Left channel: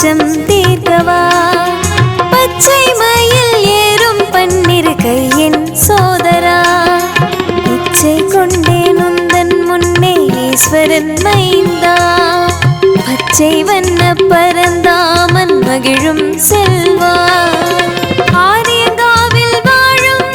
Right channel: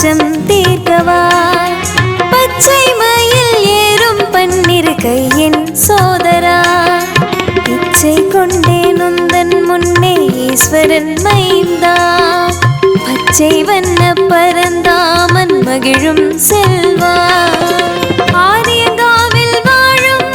பஞ்சம் தீர்க்கவா? பச்சை மயில் ஏறும் பன்னிரு கையின் சோதரா? இச்சை கொண்டே நொந்தன் முன்னே ஈஸ்வரன் மைந்தா? பச்சை வண்ண பரந்தாமன் மகிழும் செல்வா? ஆரியங்காவில் வாழும்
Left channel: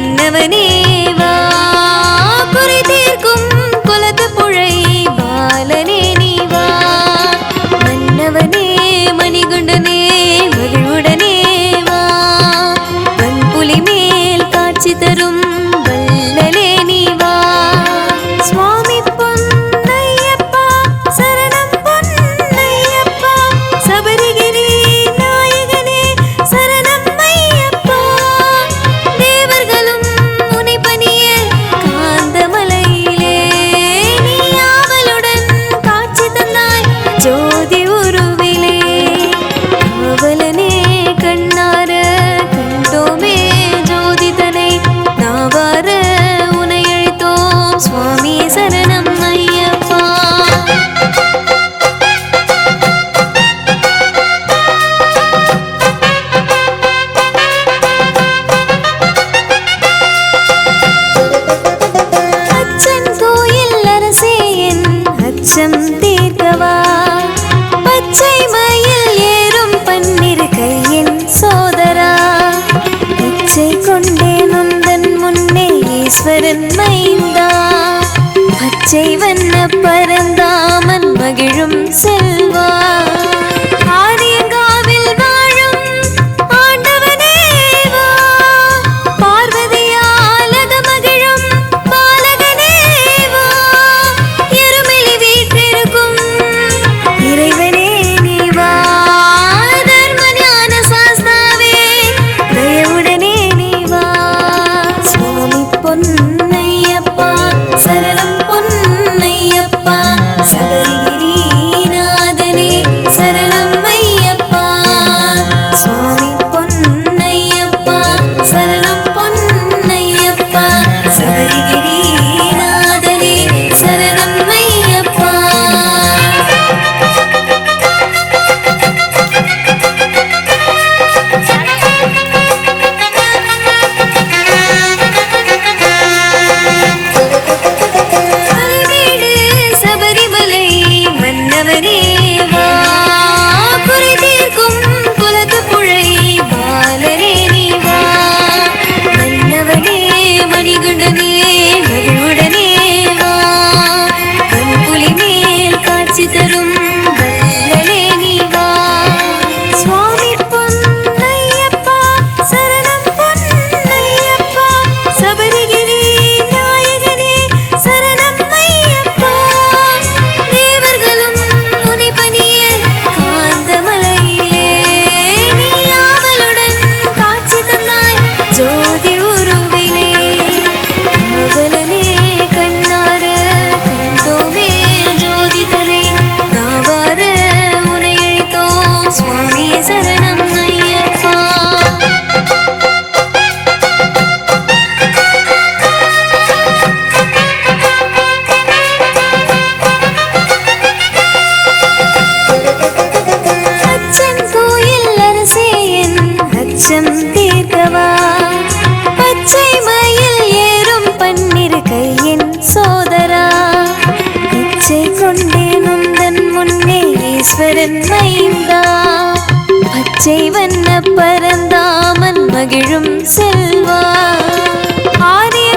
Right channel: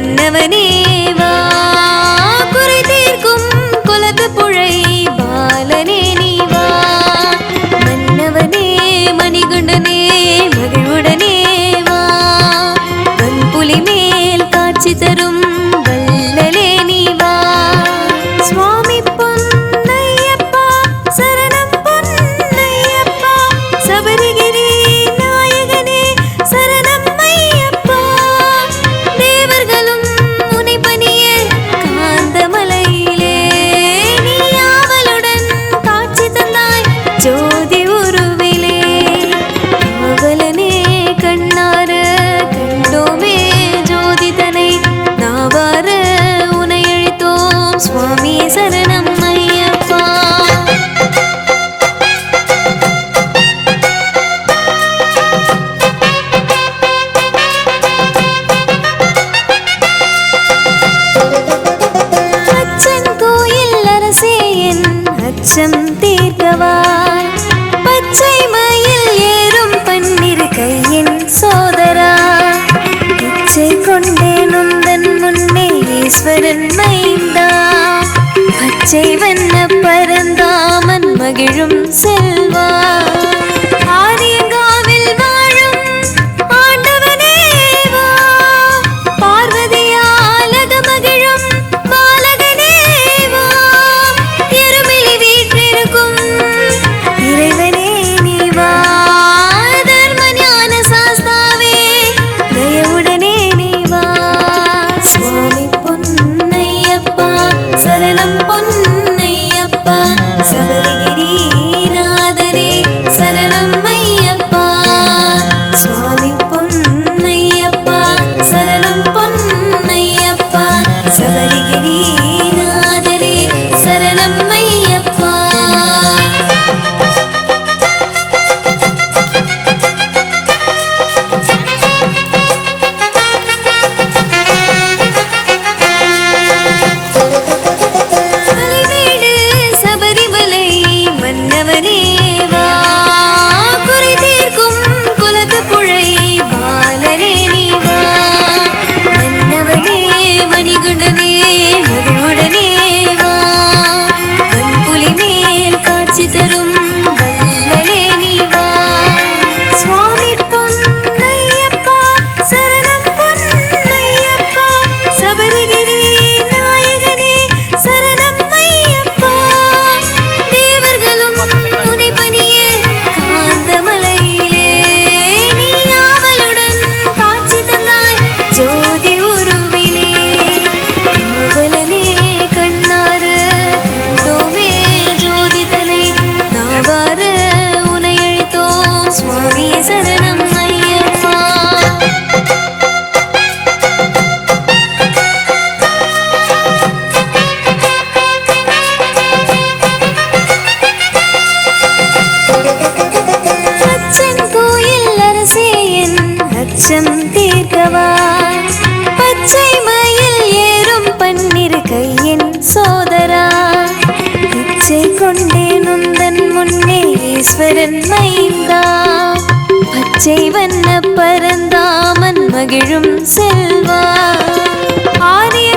மன்னவனே குறை தீர்க்கும் குலத்து புழை பாலனே நீவா மன்னவனே மணிகுண்டனே மகிழ்வுடனேவா வன்புலி மேல் காட்சி தரும் சரணம் ஐயப்பா. அச்சன் கோயில் அரசே என் அச்சம் தீர்க்கவா. பச்சை மயில் ஏறும் பன்னிரு கையின் சோதரா. இச்சை கொண்டே நுந்தன் முன்னே ஈஸ்வரன் மைந்தா. பச்சை வண்ண பரந்தாமன் மகிழும் செல்வா. ஆரியங்காவில் வா காட்சி தரும் வள்ளலே நீ வா. சுவாமி பொன் நாவார உனை அழைத்தோம் சுவாமி சரணம் ஐயப்பா. அச்சன் கோயில் அரசே என் அச்சம் தீர்க்கவா. பச்சை மயில் ஏறும் பன்னிரு கையின் சோதரா. இச்சை கொண்டே நுந்தன் முன்னே ஈஸ்வரன் மைந்தா பச்சை வண்ண பரந்தாமன் மகிழும் செல்வா. ஆரிய